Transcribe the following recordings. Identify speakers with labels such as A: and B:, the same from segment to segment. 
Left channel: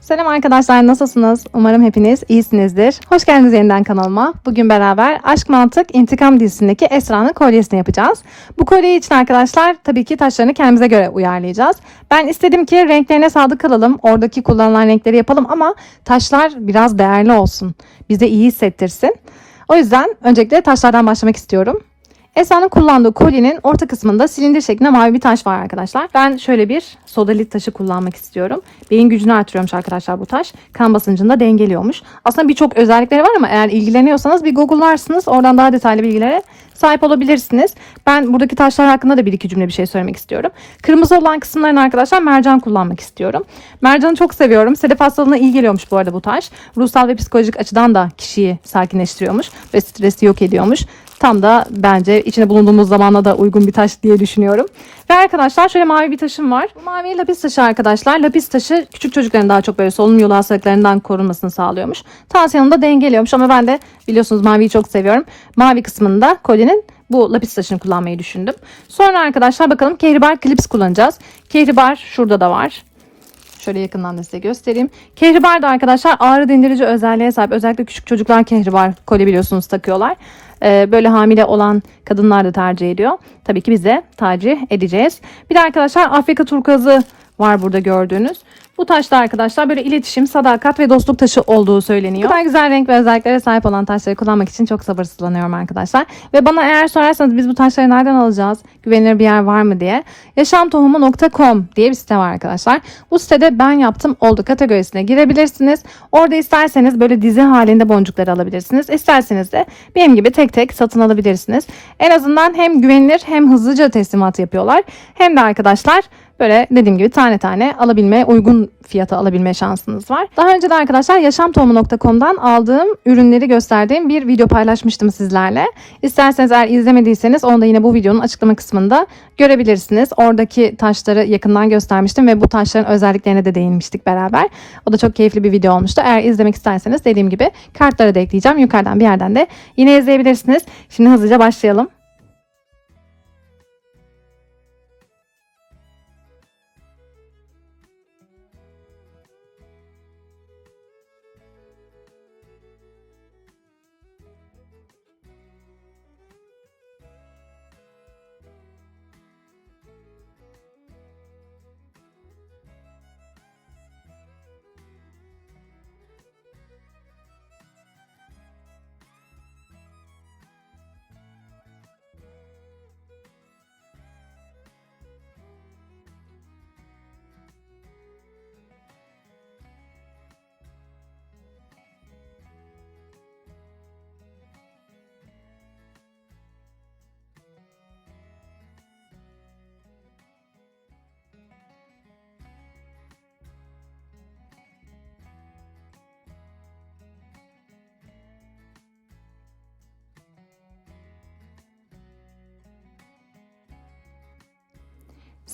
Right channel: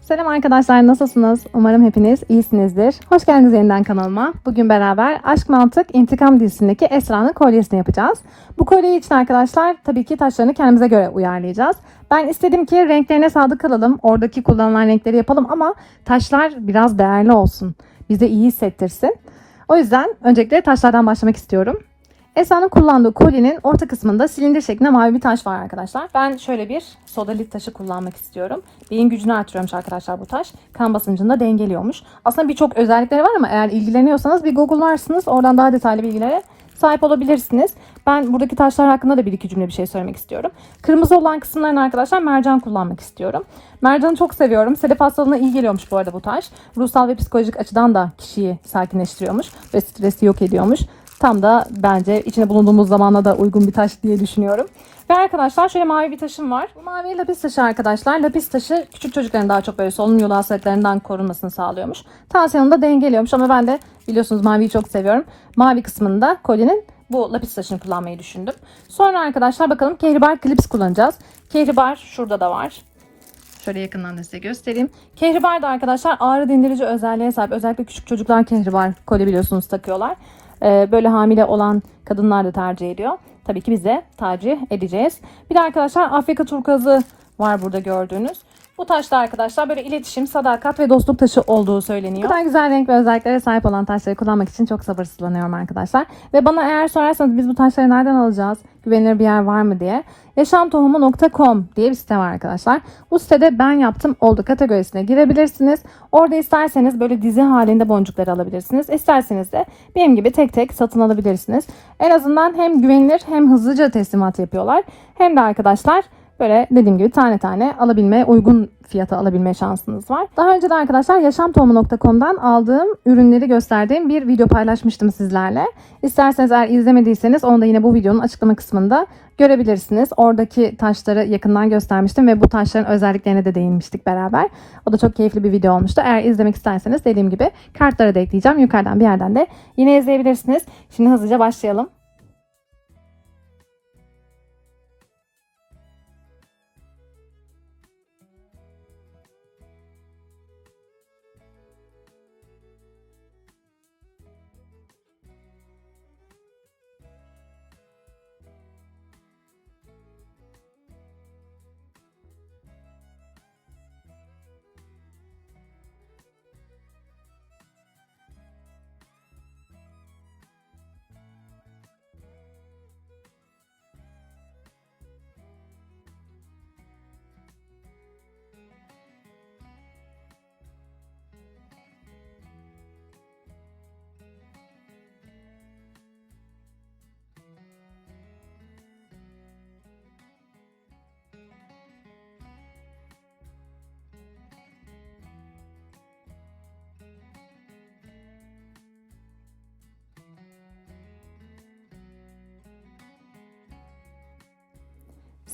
A: Selam arkadaşlar nasılsınız? Umarım hepiniz iyisinizdir. Hoş geldiniz yeniden kanalıma. Bugün beraber Aşk Mantık İntikam dizisindeki Esra'nın kolyesini yapacağız. Bu kolye için arkadaşlar tabii ki taşlarını kendimize göre uyarlayacağız. Ben istedim ki renklerine sadık kalalım. Oradaki kullanılan renkleri yapalım ama taşlar biraz değerli olsun. Bize iyi hissettirsin. O yüzden öncelikle taşlardan başlamak istiyorum. Esra'nın kullandığı kolyenin orta kısmında silindir şeklinde mavi bir taş var arkadaşlar. Ben şöyle bir sodalit taşı kullanmak istiyorum. Beyin gücünü artırıyormuş arkadaşlar bu taş. Kan basıncını da dengeliyormuş. Aslında birçok özellikleri var ama eğer ilgileniyorsanız bir google'larsınız. Oradan daha detaylı bilgilere sahip olabilirsiniz. Ben buradaki taşlar hakkında da bir iki cümle bir şey söylemek istiyorum. Kırmızı olan kısımlarını arkadaşlar mercan kullanmak istiyorum. Mercanı çok seviyorum. Sedef hastalığına iyi geliyormuş bu arada bu taş. Ruhsal ve psikolojik açıdan da kişiyi sakinleştiriyormuş ve stresi yok ediyormuş. Tam da bence içine bulunduğumuz zamana da uygun bir taş diye düşünüyorum. Ve arkadaşlar şöyle mavi bir taşım var. Bu mavi lapis taşı arkadaşlar. Lapis taşı küçük çocukların daha çok böyle solunum yolu hastalıklarından korunmasını sağlıyormuş. Tansiyonunu da dengeliyormuş ama ben de biliyorsunuz maviyi çok seviyorum. Mavi kısmında kolyenin bu lapis taşını kullanmayı düşündüm. Sonra arkadaşlar bakalım kehribar klips kullanacağız. Kehribar şurada da var. Şöyle yakından da size göstereyim. Kehribar da arkadaşlar ağrı dindirici özelliğe sahip. Özellikle küçük çocuklar kehribar kolye biliyorsunuz takıyorlar. Ee, böyle hamile olan kadınlar da tercih ediyor. Tabii ki biz de tercih edeceğiz. Bir de arkadaşlar Afrika turkuazı var burada gördüğünüz. Bu taşta arkadaşlar böyle iletişim, sadakat ve dostluk taşı olduğu söyleniyor. Bu kadar güzel renk ve özelliklere sahip olan taşları kullanmak için çok sabırsızlanıyorum arkadaşlar. Ve bana eğer sorarsanız biz bu taşları nereden alacağız? Güvenilir bir yer var mı diye. Yaşamtohumu.com diye bir site var arkadaşlar. Bu sitede ben yaptım oldu kategorisine girebilirsiniz. Orada isterseniz böyle dizi halinde boncukları alabilirsiniz. İsterseniz de benim gibi tek tek satın alabilirsiniz. En azından hem güvenilir hem hızlıca teslimat yapıyorlar. Hem de arkadaşlar Böyle dediğim gibi tane tane alabilme, uygun fiyata alabilme şansınız var. Daha önce de arkadaşlar yaşamtohumu.com'dan aldığım ürünleri gösterdiğim bir video paylaşmıştım sizlerle. İsterseniz eğer izlemediyseniz onu da yine bu videonun açıklama kısmında görebilirsiniz. Oradaki taşları yakından göstermiştim ve bu taşların özelliklerine de değinmiştik beraber. O da çok keyifli bir video olmuştu. Eğer izlemek isterseniz dediğim gibi kartları da ekleyeceğim. Yukarıdan bir yerden de yine izleyebilirsiniz. Şimdi hızlıca başlayalım.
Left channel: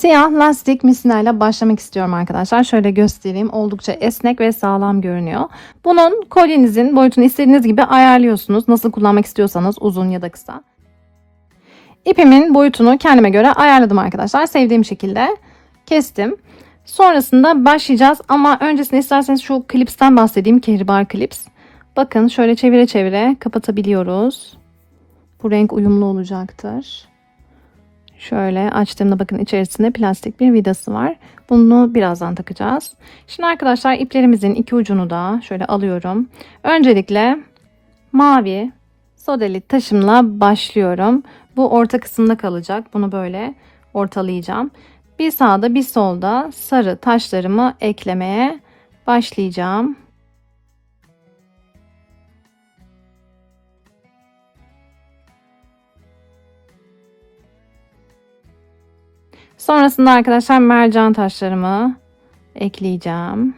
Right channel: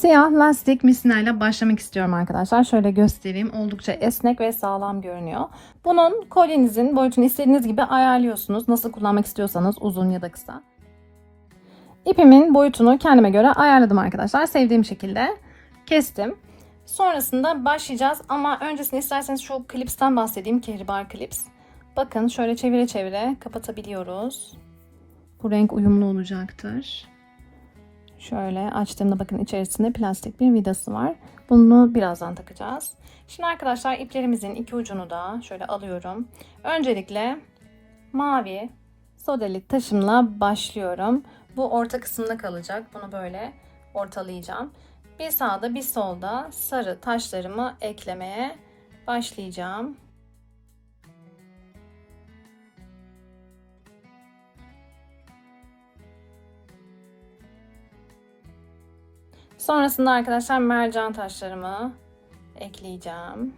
A: Siyah lastik misinayla başlamak istiyorum arkadaşlar. Şöyle göstereyim. Oldukça esnek ve sağlam görünüyor. Bunun kolyenizin boyutunu istediğiniz gibi ayarlıyorsunuz. Nasıl kullanmak istiyorsanız uzun ya da kısa. İpimin boyutunu kendime göre ayarladım arkadaşlar. Sevdiğim şekilde kestim. Sonrasında başlayacağız ama öncesinde isterseniz şu klipsten bahsedeyim. Kehribar klips. Bakın şöyle çevire çevire kapatabiliyoruz. Bu renk uyumlu olacaktır. Şöyle açtığımda bakın içerisinde plastik bir vidası var. Bunu birazdan takacağız. Şimdi arkadaşlar iplerimizin iki ucunu da şöyle alıyorum. Öncelikle mavi sodelit taşımla başlıyorum. Bu orta kısımda kalacak. Bunu böyle ortalayacağım. Bir sağda bir solda sarı taşlarımı eklemeye başlayacağım. Sonrasında arkadaşlar mercan taşlarımı ekleyeceğim.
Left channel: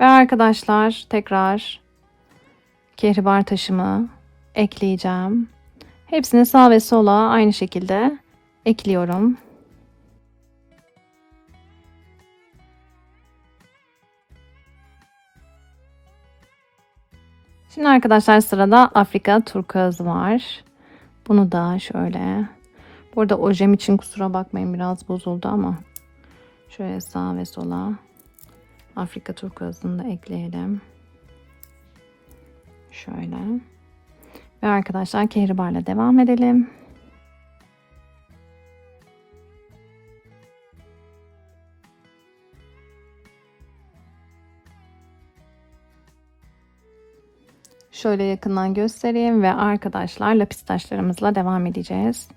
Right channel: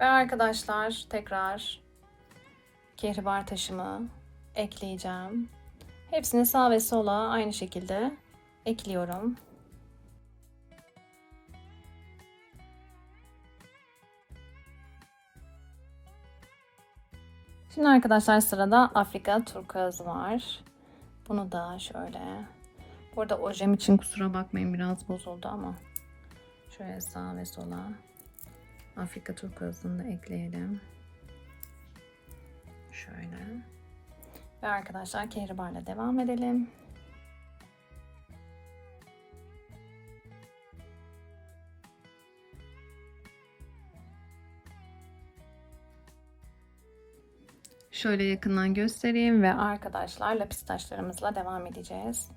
A: Ve arkadaşlar tekrar kehribar taşımı ekleyeceğim. Hepsini sağ ve sola aynı şekilde ekliyorum. Şimdi arkadaşlar sırada Afrika turkuazı var. Bunu da şöyle. Burada ojem için kusura bakmayın biraz bozuldu ama. Şöyle sağ ve sola. Afrika turkuazını da ekleyelim. Şöyle. Ve arkadaşlar kehribarla devam edelim. Şöyle yakından göstereyim ve arkadaşlar lapis taşlarımızla devam edeceğiz.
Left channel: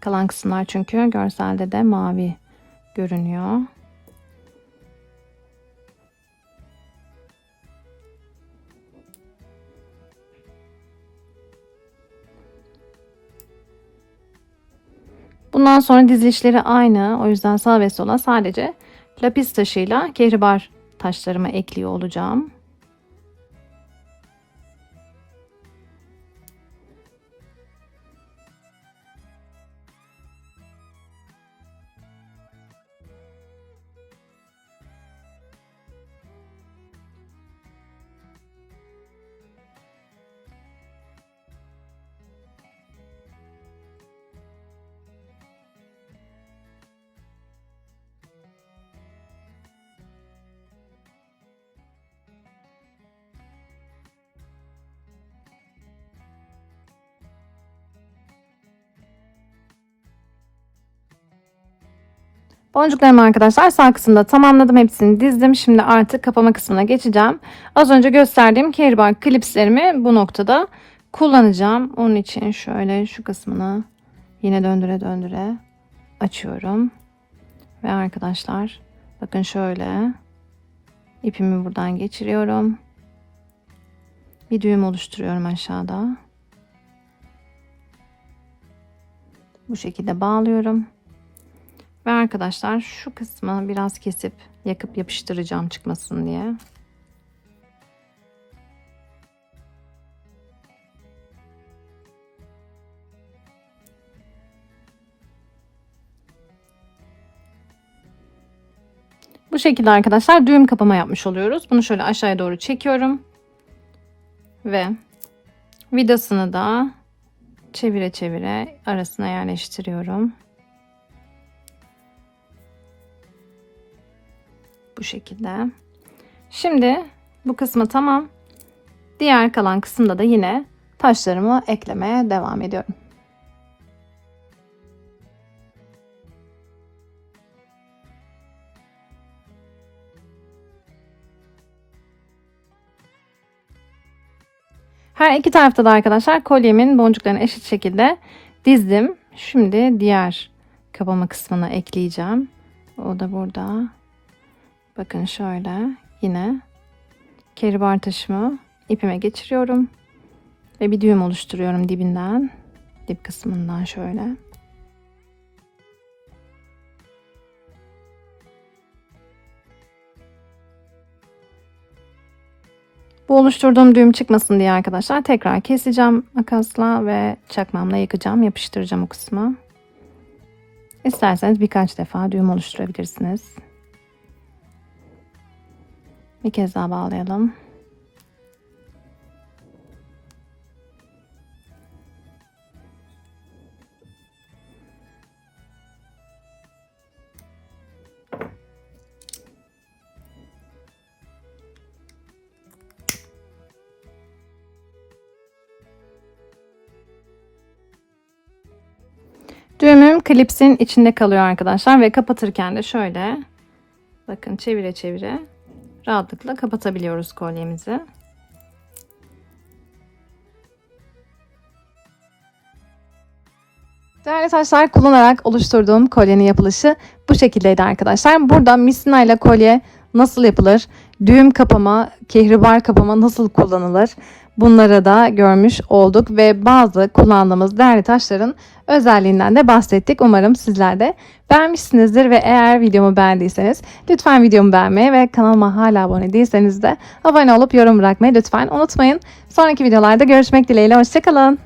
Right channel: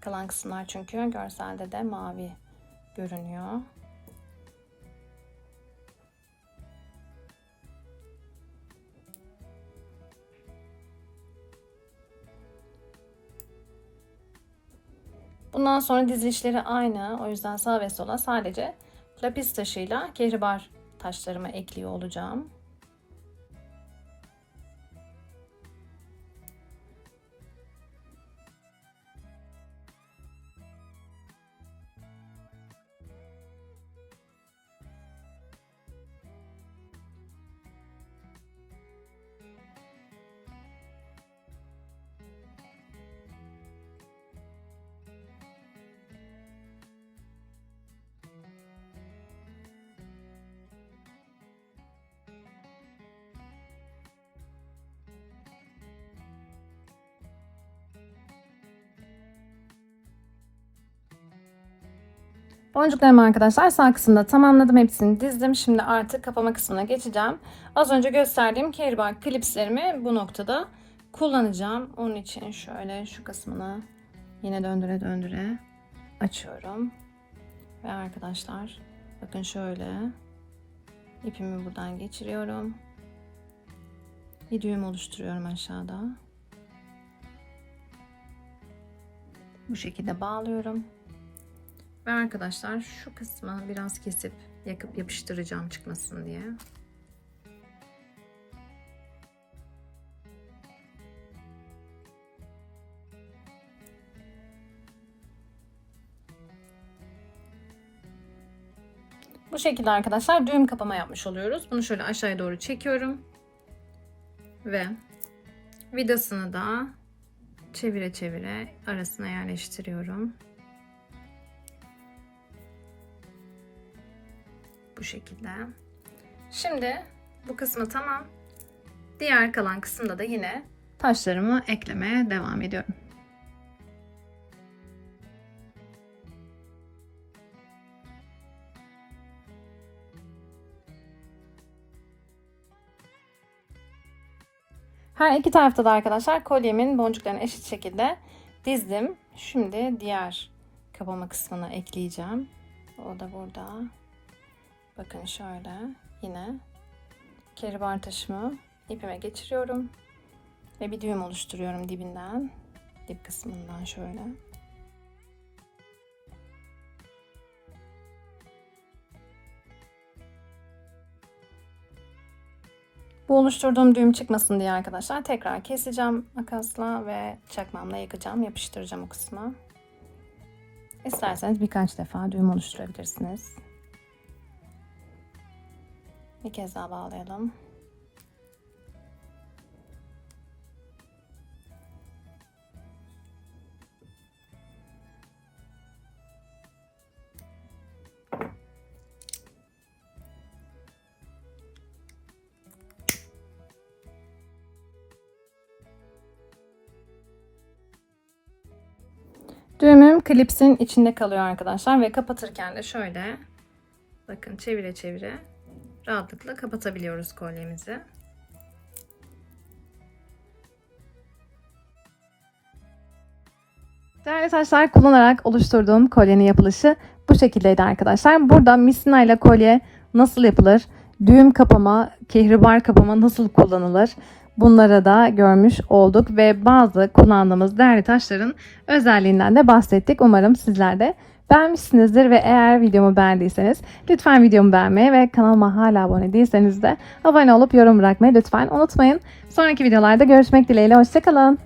A: Kalan kısımlar çünkü görselde de mavi görünüyor. Bundan sonra dizilişleri aynı. O yüzden sağ ve sola sadece lapis taşıyla kehribar taşlarımı ekliyor olacağım. Boncuklarımı arkadaşlar sağ kısımda tamamladım. Hepsini dizdim. Şimdi artık kapama kısmına geçeceğim. Az önce gösterdiğim kehribar klipslerimi bu noktada kullanacağım. Onun için şöyle şu kısmını yine döndüre döndüre açıyorum. Ve arkadaşlar bakın şöyle ipimi buradan geçiriyorum. Bir düğüm oluşturuyorum aşağıda. Bu şekilde bağlıyorum. Ve arkadaşlar şu kısmı biraz kesip yakıp yapıştıracağım çıkmasın diye. Bu şekilde arkadaşlar düğüm kapama yapmış oluyoruz. Bunu şöyle aşağıya doğru çekiyorum. Ve vidasını da çevire çevire arasına yerleştiriyorum. Bu şekilde. Şimdi bu kısmı tamam. Diğer kalan kısımda da yine taşlarımı eklemeye devam ediyorum. Her iki tarafta da arkadaşlar kolyemin boncuklarını eşit şekilde dizdim. Şimdi diğer kapama kısmına ekleyeceğim. O da burada. Bakın şöyle yine keribar taşımı ipime geçiriyorum ve bir düğüm oluşturuyorum dibinden dip kısmından şöyle. Bu oluşturduğum düğüm çıkmasın diye arkadaşlar tekrar keseceğim makasla ve çakmamla yakacağım, yapıştıracağım o kısmı. İsterseniz birkaç defa düğüm oluşturabilirsiniz. Bir kez daha bağlayalım. Düğümüm klipsin içinde kalıyor arkadaşlar ve kapatırken de şöyle bakın çevire çevire rahatlıkla kapatabiliyoruz kolyemizi. Değerli taşlar kullanarak oluşturduğum kolyenin yapılışı bu şekildeydi arkadaşlar. Burada misina ile kolye nasıl yapılır, düğüm kapama, kehribar kapama nasıl kullanılır bunları da görmüş olduk ve bazı kullandığımız değerli taşların özelliğinden de bahsettik. Umarım sizler de beğenmişsinizdir ve eğer videomu beğendiyseniz lütfen videomu beğenmeyi ve kanalıma hala abone değilseniz de abone olup yorum bırakmayı lütfen unutmayın. Sonraki videolarda görüşmek dileğiyle hoşçakalın.